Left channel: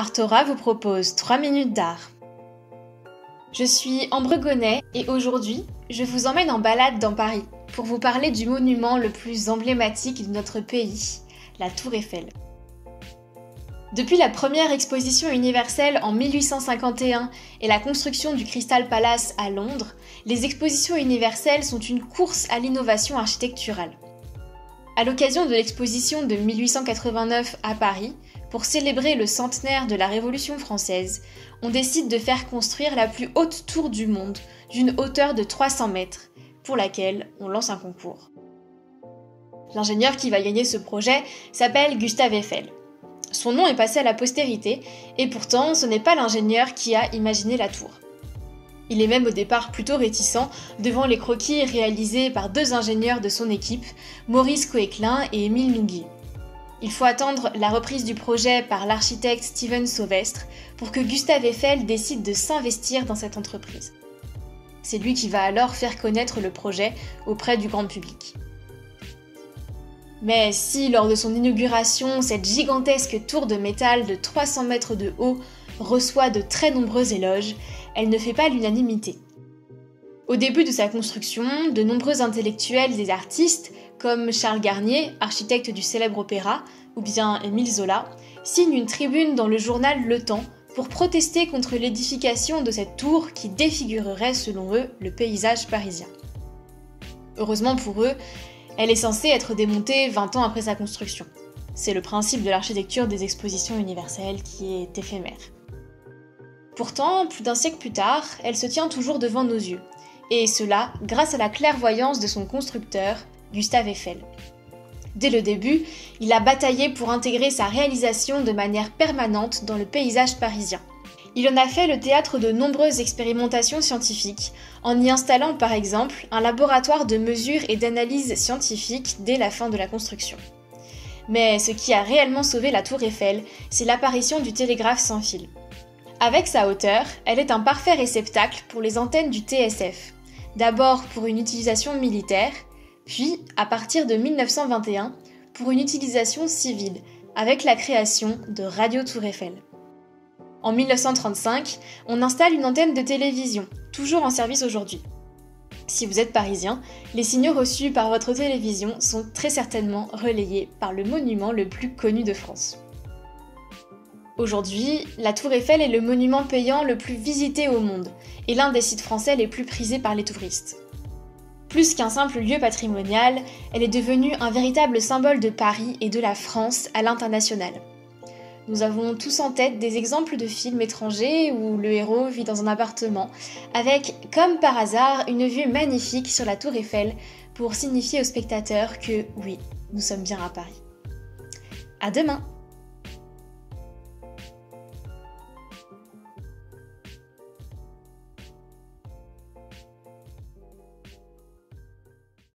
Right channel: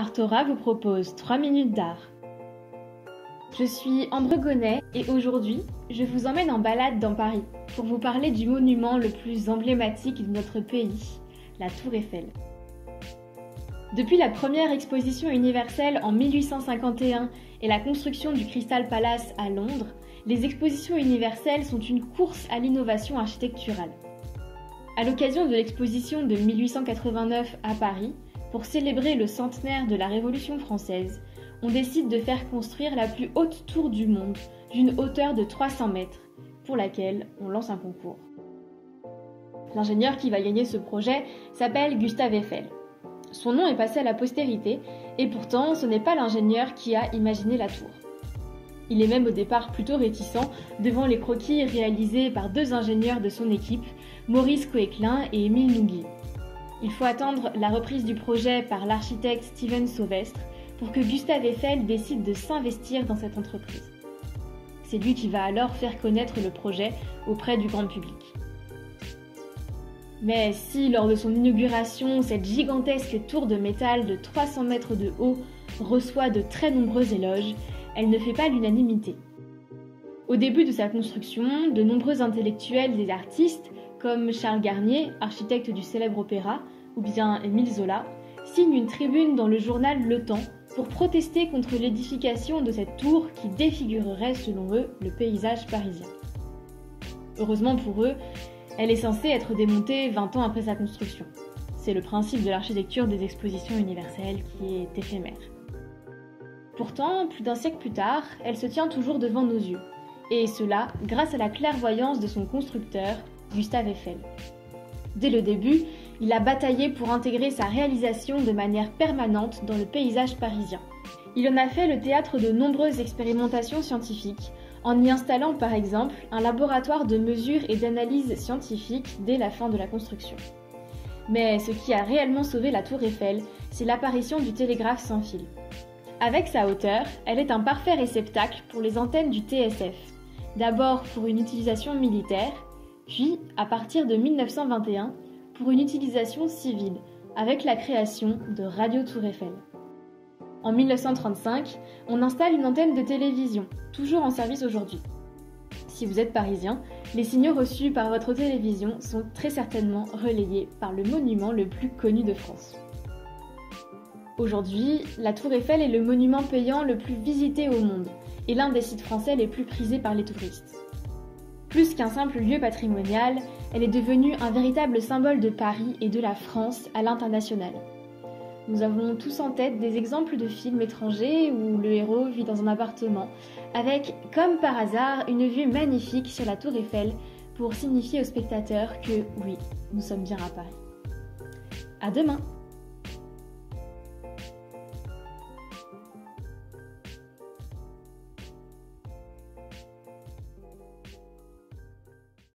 Artora vous propose 3 minutes d'art. Je suis Ambre Gonnet et aujourd'hui, je vous emmène en balade dans Paris pour vous parler du monument le plus emblématique de notre pays, la Tour Eiffel. Depuis la première exposition universelle en 1851 et la construction du Crystal Palace à Londres, les expositions universelles sont une course à l'innovation architecturale. À l'occasion de l'exposition de 1889 à Paris, pour célébrer le centenaire de la Révolution française, on décide de faire construire la plus haute tour du monde, d'une hauteur de 300 mètres, pour laquelle on lance un concours. L'ingénieur qui va gagner ce projet s'appelle Gustave Eiffel. Son nom est passé à la postérité, et pourtant ce n'est pas l'ingénieur qui a imaginé la tour. Il est même au départ plutôt réticent devant les croquis réalisés par deux ingénieurs de son équipe, Maurice Coeclin et Émile Nouguier. Il faut attendre la reprise du projet par l'architecte Steven Sauvestre pour que Gustave Eiffel décide de s'investir dans cette entreprise. C'est lui qui va alors faire connaître le projet auprès du grand public. Mais si, lors de son inauguration, cette gigantesque tour de métal de 300 mètres de haut reçoit de très nombreux éloges, elle ne fait pas l'unanimité. Au début de sa construction, de nombreux intellectuels et artistes, comme Charles Garnier, architecte du célèbre opéra, ou bien Émile Zola, signent une tribune dans le journal Le Temps pour protester contre l'édification de cette tour qui défigurerait, selon eux, le paysage parisien. Heureusement pour eux, elle est censée être démontée 20 ans après sa construction. C'est le principe de l'architecture des expositions universelles qui est éphémère. Pourtant, plus d'un siècle plus tard, elle se tient toujours devant nos yeux, et cela grâce à la clairvoyance de son constructeur, Gustave Eiffel. Dès le début, il a bataillé pour intégrer sa réalisation de manière permanente dans le paysage parisien. Il en a fait le théâtre de nombreuses expérimentations scientifiques, en y installant par exemple un laboratoire de mesure et d'analyse scientifique dès la fin de la construction. Mais ce qui a réellement sauvé la Tour Eiffel, c'est l'apparition du télégraphe sans fil. Avec sa hauteur, elle est un parfait réceptacle pour les antennes du TSF, d'abord pour une utilisation militaire, puis, à partir de 1921, pour une utilisation civile, avec la création de Radio Tour Eiffel. En 1935, on installe une antenne de télévision, toujours en service aujourd'hui. Si vous êtes parisien, les signaux reçus par votre télévision sont très certainement relayés par le monument le plus connu de France. Aujourd'hui, la Tour Eiffel est le monument payant le plus visité au monde, et l'un des sites français les plus prisés par les touristes. Plus qu'un simple lieu patrimonial, elle est devenue un véritable symbole de Paris et de la France à l'international. Nous avons tous en tête des exemples de films étrangers où le héros vit dans un appartement, avec, comme par hasard, une vue magnifique sur la Tour Eiffel pour signifier aux spectateurs que, oui, nous sommes bien à Paris. À demain!